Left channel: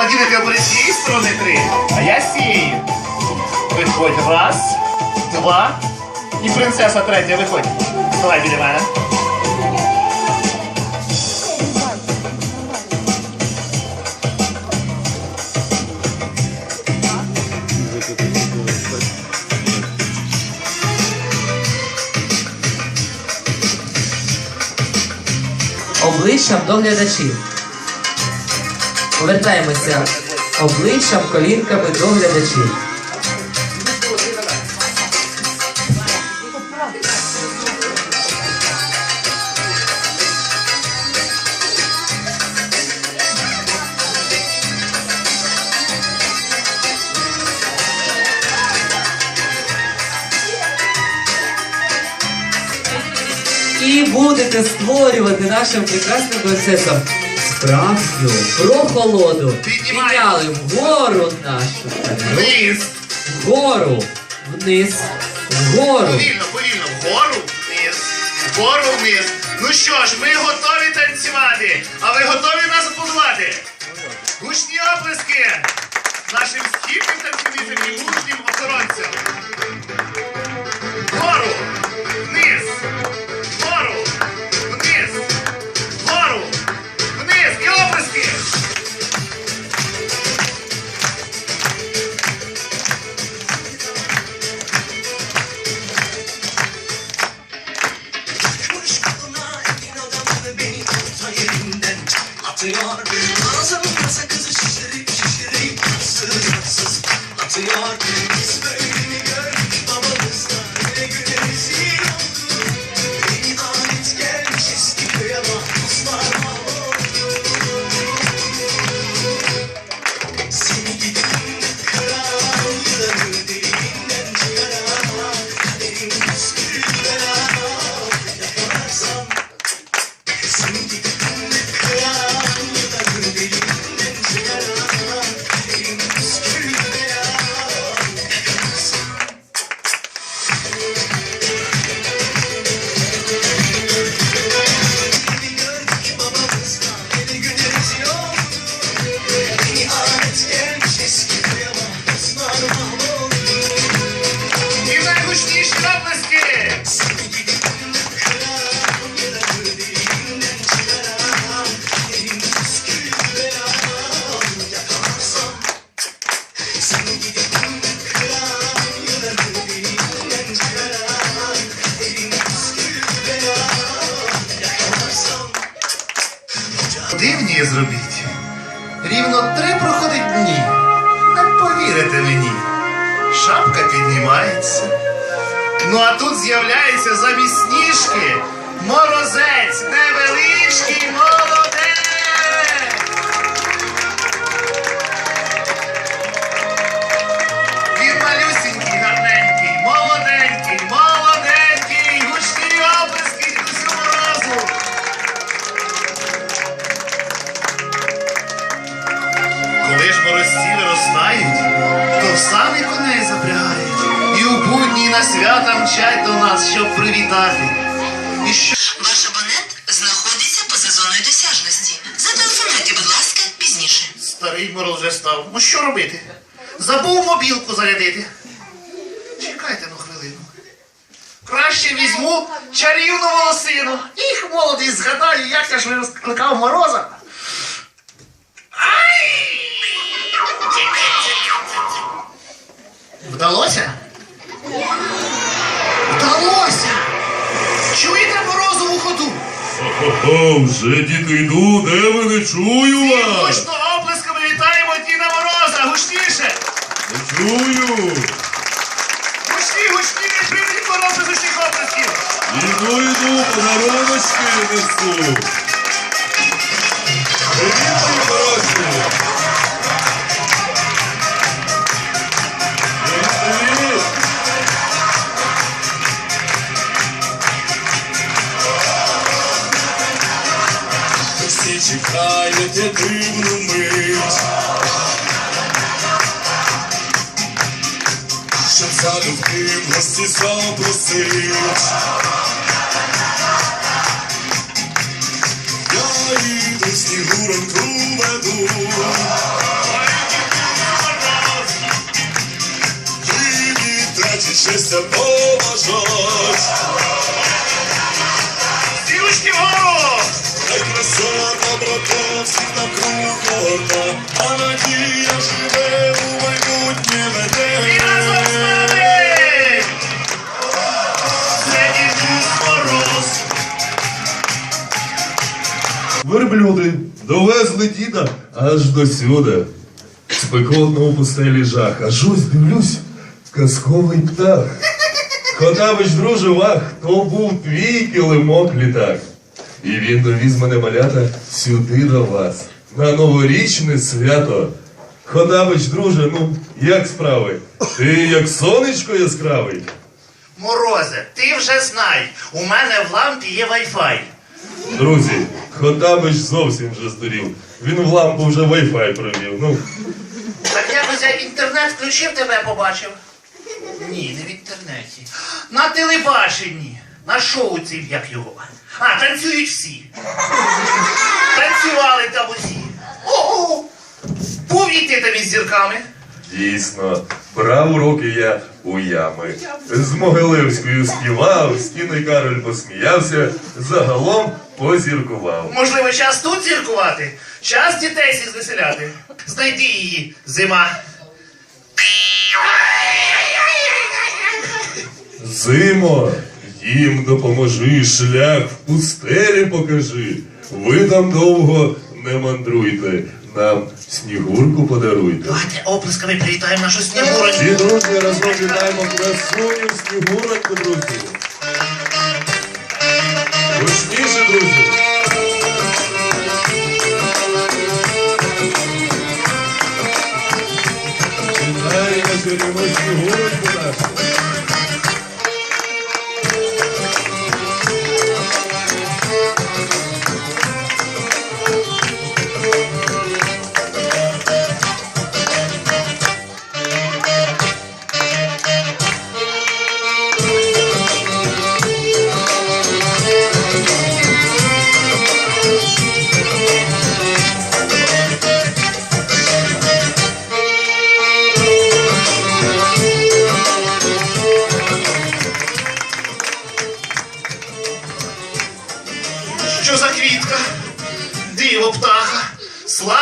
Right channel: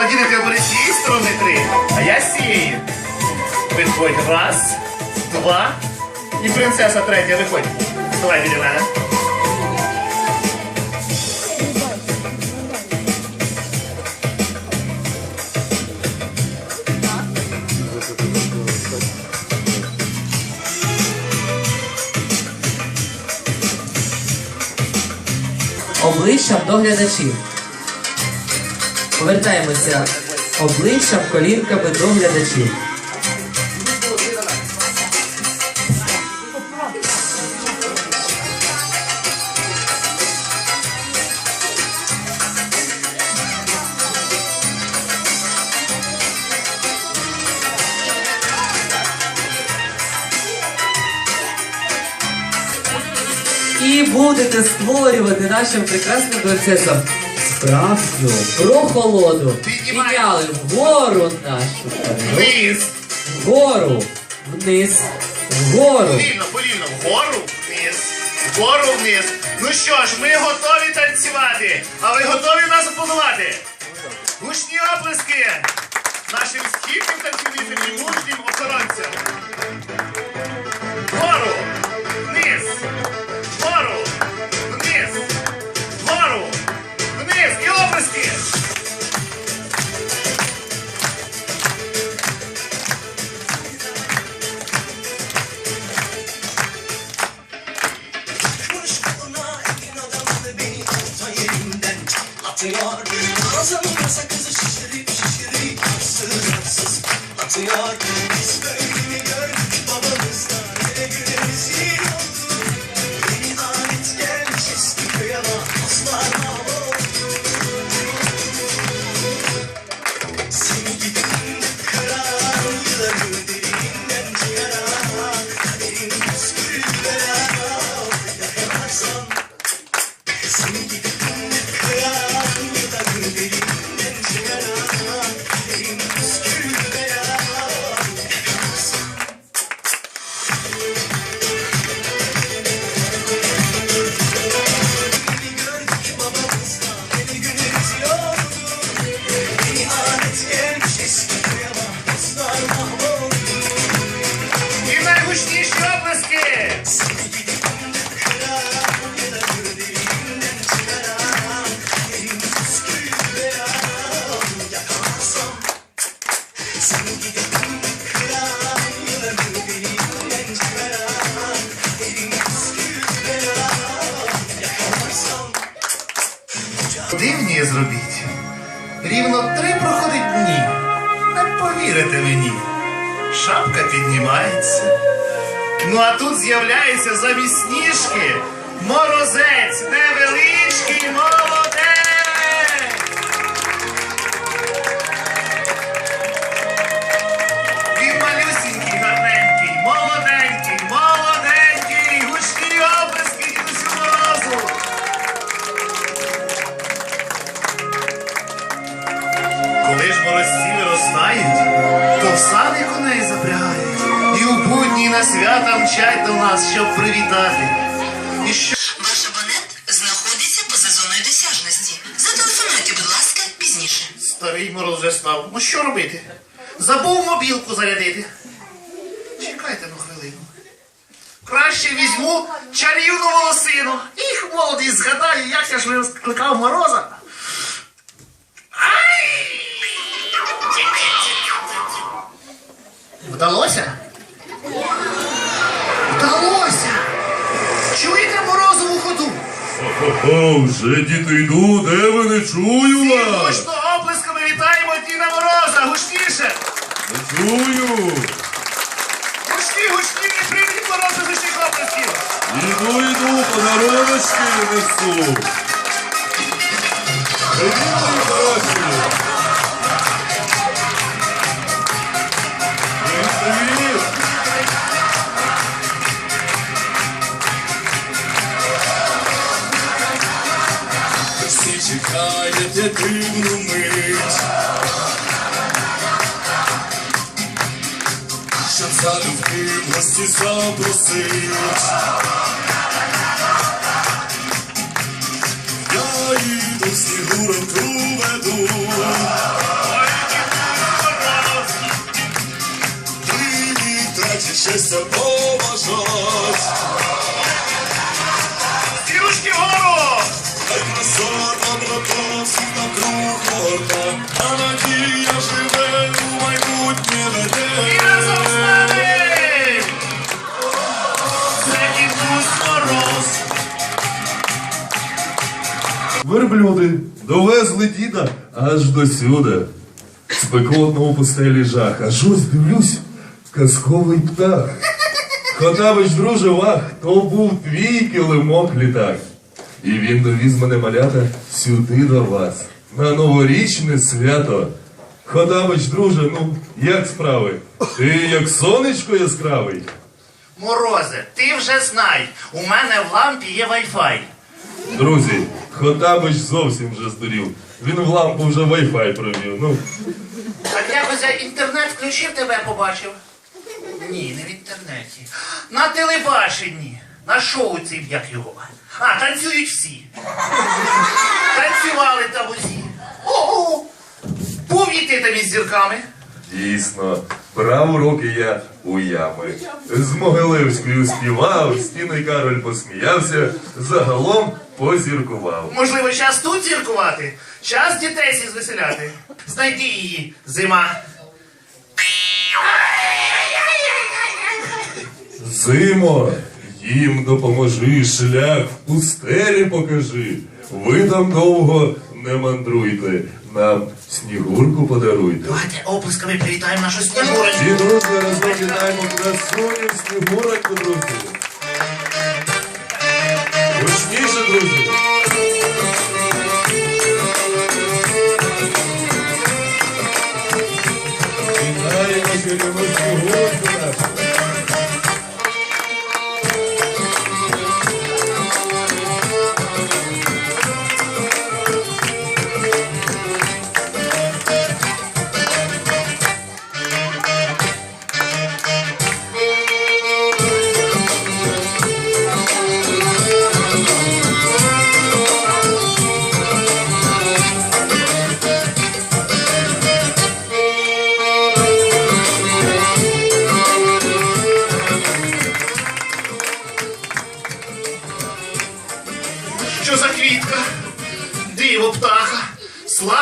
Владимир, ти обери з цієї сторони три, а я з цієї. Виходь. Раз, два. І принцеса третя, виходь. Давай біля мене. обличчям до глядачів. Повертаємося обличчям, колінками до глядачів. І будете створювати нашим прекрасним принцесам справжню прохолоду. Підняли вгору нашу Вниз. вгору, вниз, вгору. Повільно, повільно. Вгору, вниз. Вгору, вниз. Ну що ж, ми готові танцювати. А ви готові нас аплодувати? Гучні оплески нашим стійким танцівницям і мужнім охоронцям. Atıyor Ağzımın kasa kızı şişirip şişirip Sığınaksız atıyor Biz böyle замість сніжки старий вже став. Ну що робити? Забув мобілку зарядити. Чекайте ну хвилину. Краще візьму чарівну волосину. Їх молодість згадаю, як я ж викликав мороза. Ай! Вдалося? Вдалося! Чуєте морозову ходу? Хо-хо-хо, вже діти йду, де ви не чую вас? оплесками Діна Мороза! Гучніше! Чую. Гучні, гучні, не прийдуть мороз без гучних оплесків! Іду, іду, подаруночки несу. Привіт, мої хороші. Привіт. Всі дивну залюбки в гості запросив. Я їду снігуранку веду. Привіт, трачі щастя поважать. Сілочки вгору! Та краса та брата, всіх на круг А надія Верблюди довезли діда аж до сюди. Спекотно у пустелі жах. Аж ось дивлюсь, казковий птах. Хотабич, друже, вах, то був твій килимок літак. І він довіз мене малята сюди до вас. На новорічне свято. Хотабич, друже, ну як справи? Ти як сонечко яскравий. Морозе, ти вже знай, у мене в лампі є Wi-Fi. Друзі, Хотабич зовсім вже здурів. Він в лампу вже Wi-Fi провів. Ну, Так якось я інтернет включив, тебе побачив. Ні, не в інтернеті. На телебаченні. На шоу цим, як його. А, танцюють всі. Танцювали там усі. Ого! Був і ти там із зірками. Дійсно, брав уроки я у ями. З Могилевською співав, стіни Кароль посміявся, загалом позіркував. Можливо, час тут зіркувати, час дітей сі звеселяти. Знайди її, зима. Зимо, їм допоможи, шлях в пустелі покажи. Ви там довго не мандруйте, нам снігурку подаруйте. Давайте оплесками привітаємо нашу снігурочку. Всі дружні разом вітаємо красуню снігуроньку, друзі. Гучніше, друзі. Вітаємо сьогодні ми снігуроньку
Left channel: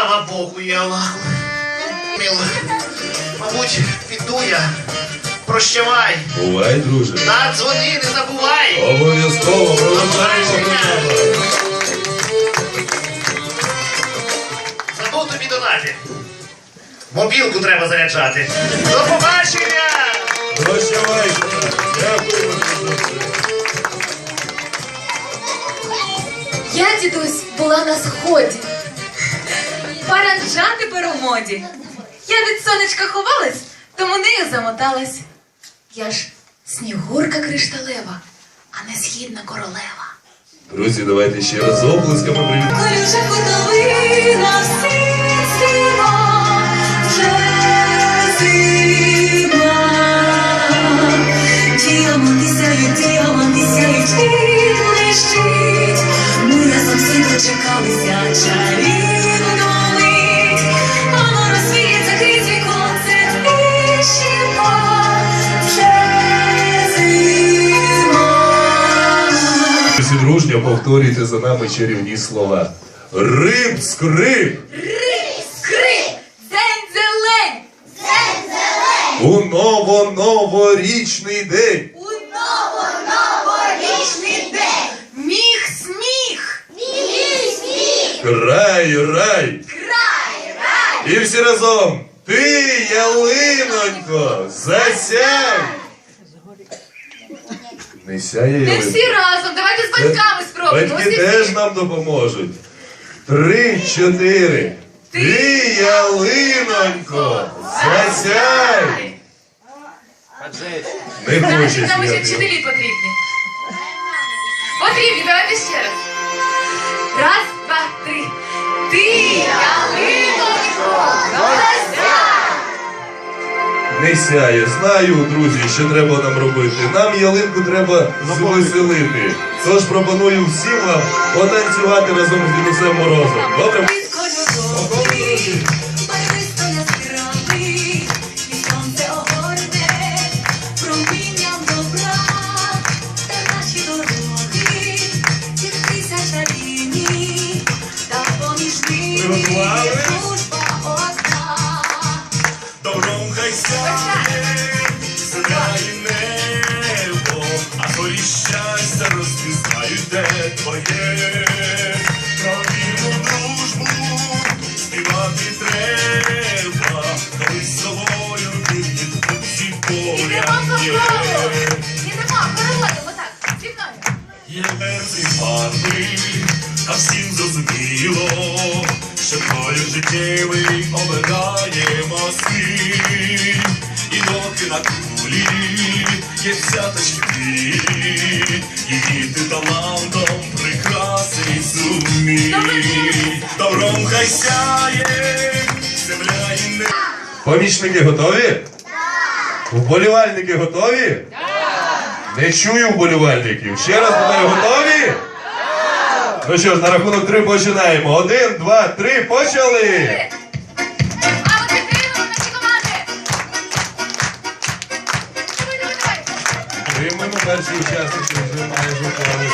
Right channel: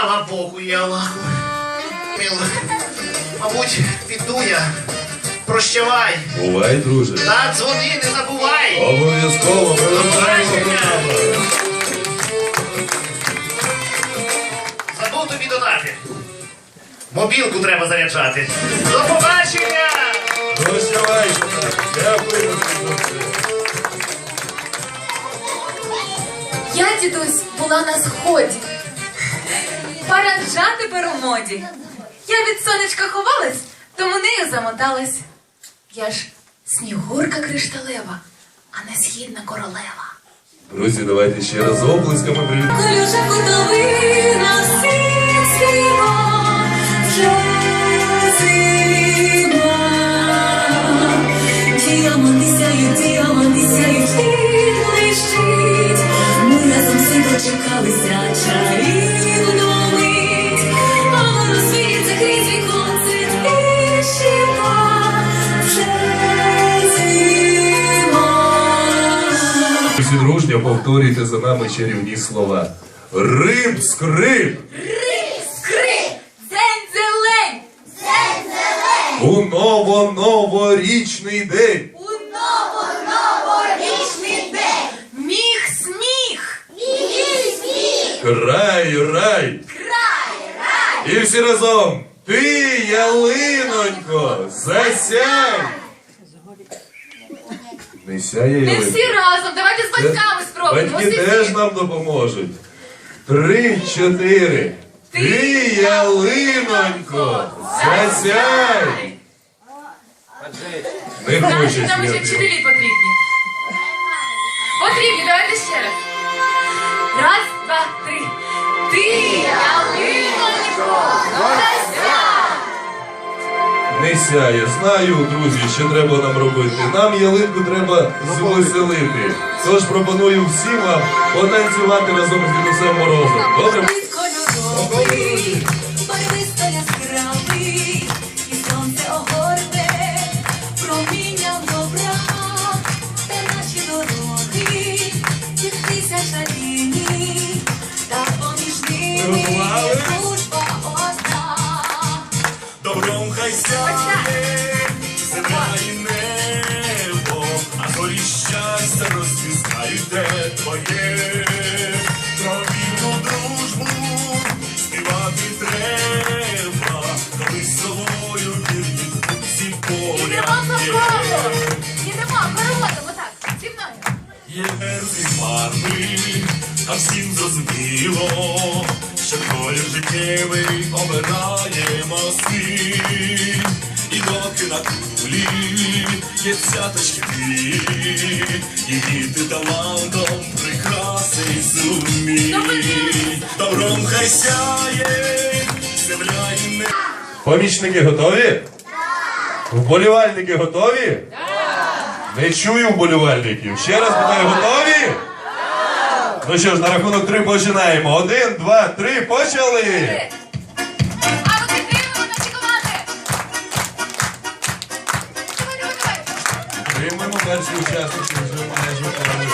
Слава Богу і Аллаху. Мил, мабуть, піду я. Прощавай. Бувай, друже. Та дзвони, не забувай. Обов'язково програму. Забув тобі додати. Мобілку треба заряджати. До побачення! Тобі за все. Я, дідусь, була на сході. Паранджа тепер у моді. Я від сонечка ховалась, тому нею замоталась. Я ж снігурка кришталева, а не східна королева. Друзі, давайте ще раз оплесками привітаємо. Колюша хутовина всім співа, вже зима. Діаманти сяють, діаманти сяють, повторюйте за нами чарівні слова. Риб, скрип, Скрип! Дзень зелень! Дзень зелень! у ново-новорічний день. У ново-новорічний день! Міх сміх! Міх сміх! Край, рай. Край, рай! І всі разом. Ти, ялинонько, засяй. Не сяє Не ялинка. всі разом, давайте з батьками спробуємо. Батьки теж нам допоможуть. Три, чотири. Ти, ялинонько, засяй. Не Наші хоче нам ще вчителі потрібні. Потрібні, давайте ще раз. Раз, два, три. Не сяє, знаю, друзі, що треба нам робити. Нам ялинку треба звеселити. Тож пропоную всім вам потанцювати разом з дідусем Морозом. Добре? Життєвий обираємо син. І доки на кулі є цяточки дві, її ти талантом прикрасий сумій. Добром хай сяє, земля і не. Помічники готові? Вболівальники готові? Не чую вболівальників. Ще раз питаю, готові? Ну що ж, на рахунок три починаємо. Один, два, три, почали! Приймемо перші учасники, з завданням.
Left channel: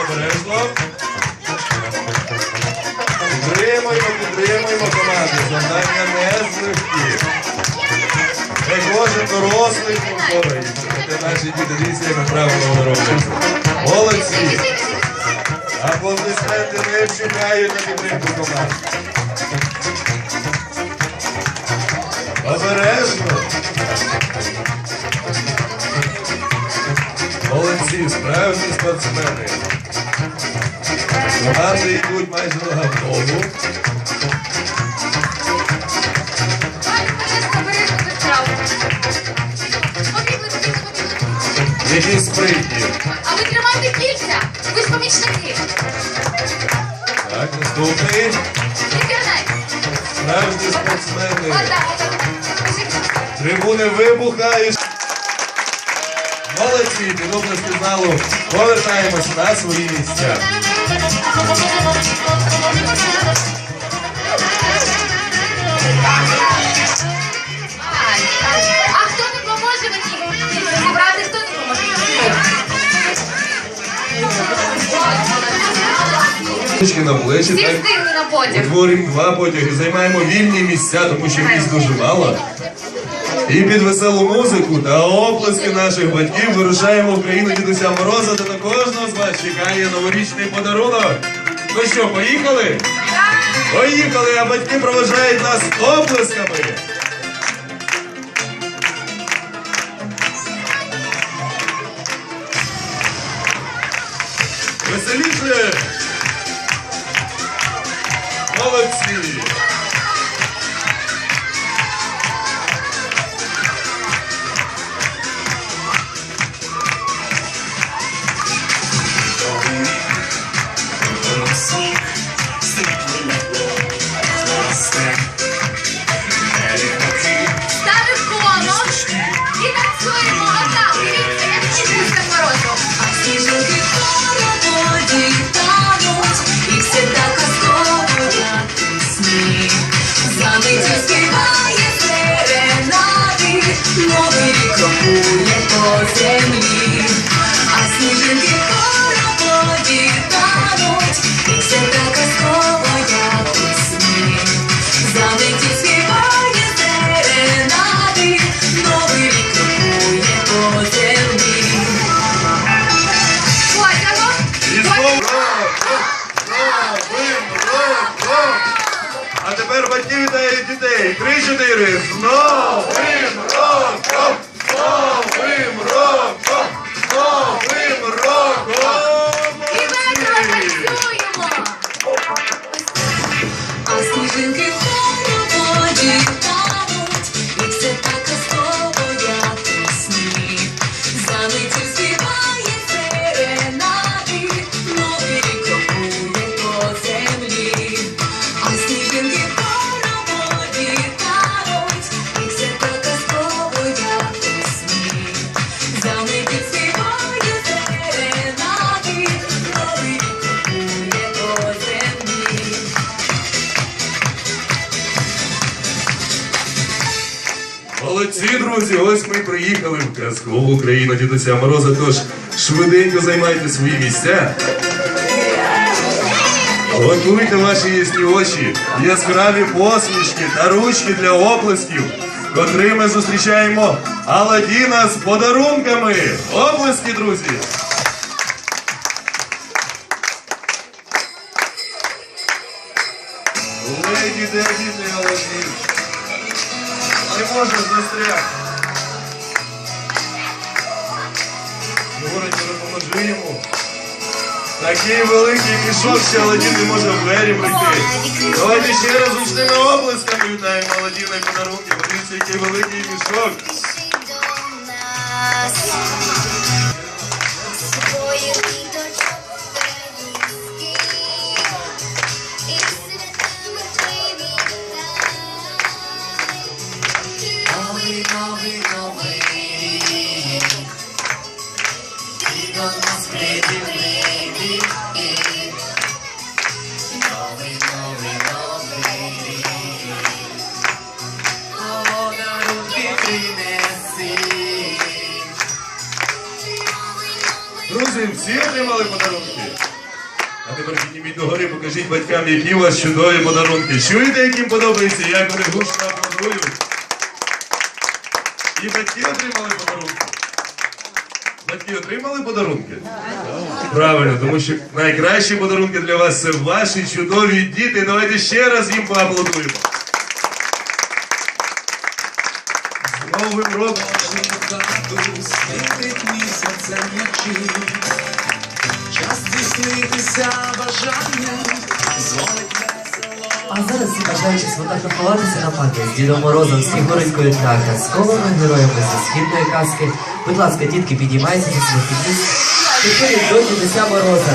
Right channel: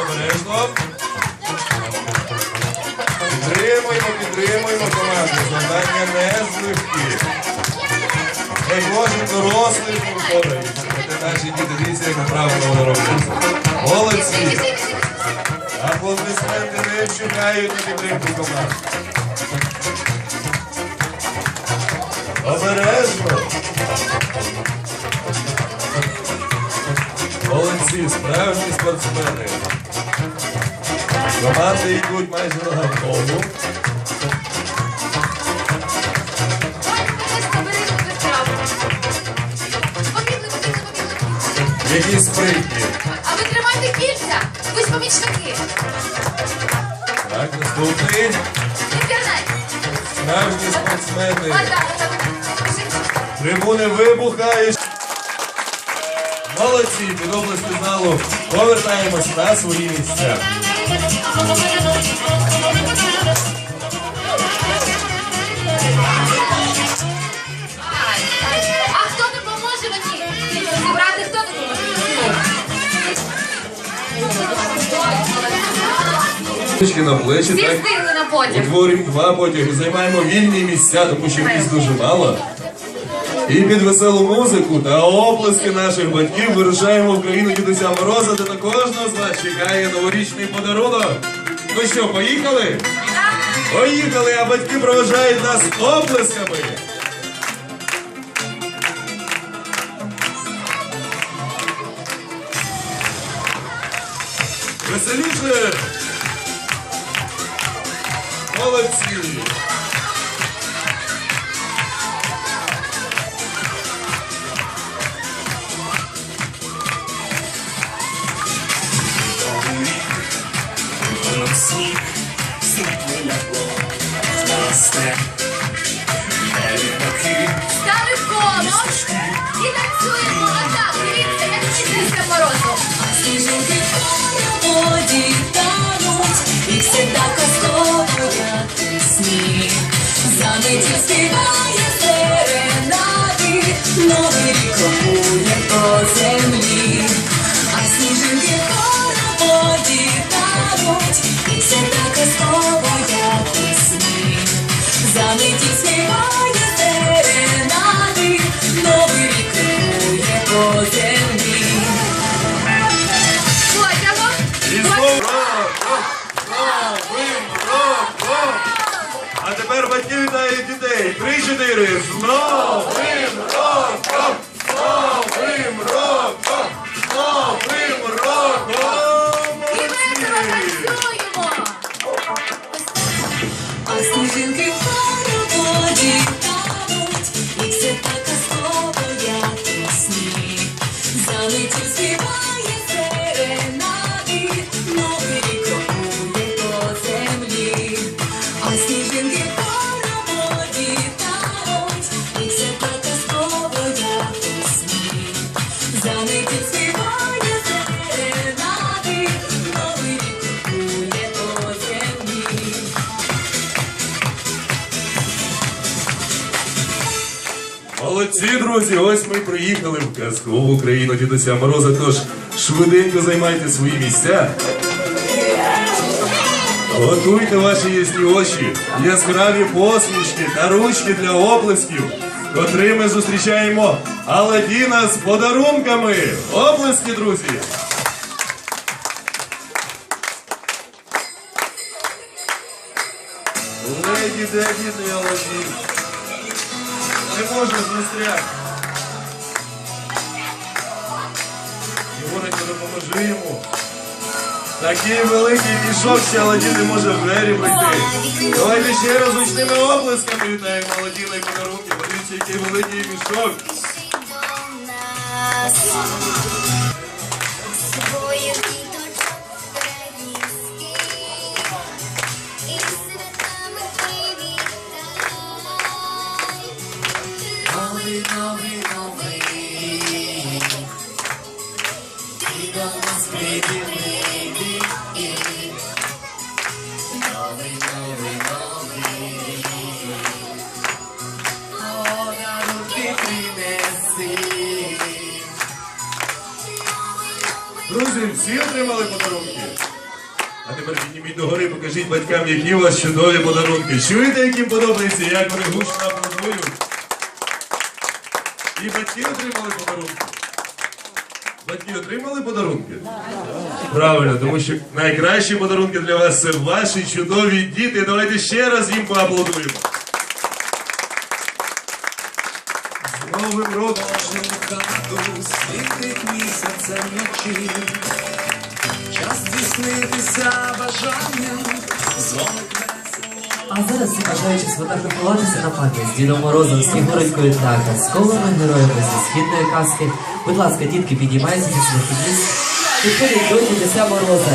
Обережно. Підтримуємо, підтримуємо команду. Завдання не з легкі. Не кожен дорослий впорається. Це наші діти, дивіться, як правильно вони роблять. Молодці! Аплодисменти не вчинають на підтримку команди. Обережно. Молодці, справжні спортсмени. Команди йдуть майже на побігли. Які спритні. А ви тримайте кільця! Помічники! Так, наступний. Справжні спортсмени. Трибуни вибухають. Молодці, під області залу. Повертаємось на свої місця. На плечі, Всі так. встигли на потяг. Утворюємо два потяги, займаємо вільні місця, тому що місць дуже мало. І під веселу музику та оплески наших батьків вирушаємо в країну Дідуся Мороза, де на кожного з вас чекає новорічний подарунок. Ну що, поїхали? Поїхали, а батьки проважають нас оплесками. sweet. Тепер батьків вітають дітей. Три-чотири. З новим роком! З новим роком! З новим роком! І ми танцюємо. А сніжинки в воді Молодці, друзі, ось ми приїхали в казкову країну Дідуся Мороза, тож швиденько займайте свої місця. Готуйте ваші ясні очі, яскраві посмішки та ручки для оплесків, котрими зустрічаємо Аладдіна з подарунками. Оплески, друзі! Леді Деді Аладдін. Не можеш застряг. Говорить, допоможи йому. Такий великий мішок, ще Аладдін не може в двері прийти. Давайте ще раз гучними облисками вітаємо Аладдіна і подарунки. Подивіться, який великий мішок. До. Друзі, всі отримали подарунки? А тепер підніміть догори, покажіть батькам, які у вас чудові подарунки. Чуєте, яким подобається, як вони гучно аплодують? І батьки отримали Батьки отримали подарунки? Правильно, тому що найкращі подарунки для вас це ваші чудові діти. Давайте ще раз їм поаплодуємо. З Новим роком! хату світить місяцем вночі. Час здійснитися бажанням, дзвонить. А зараз всі бажаючи сфотографуватися на пам'ять з Дідом Морозом, Снігуренькою та казковими героями зі східної казки. Будь ласка, дітки, підіймайтеся, підходять до Дідуся Мороза.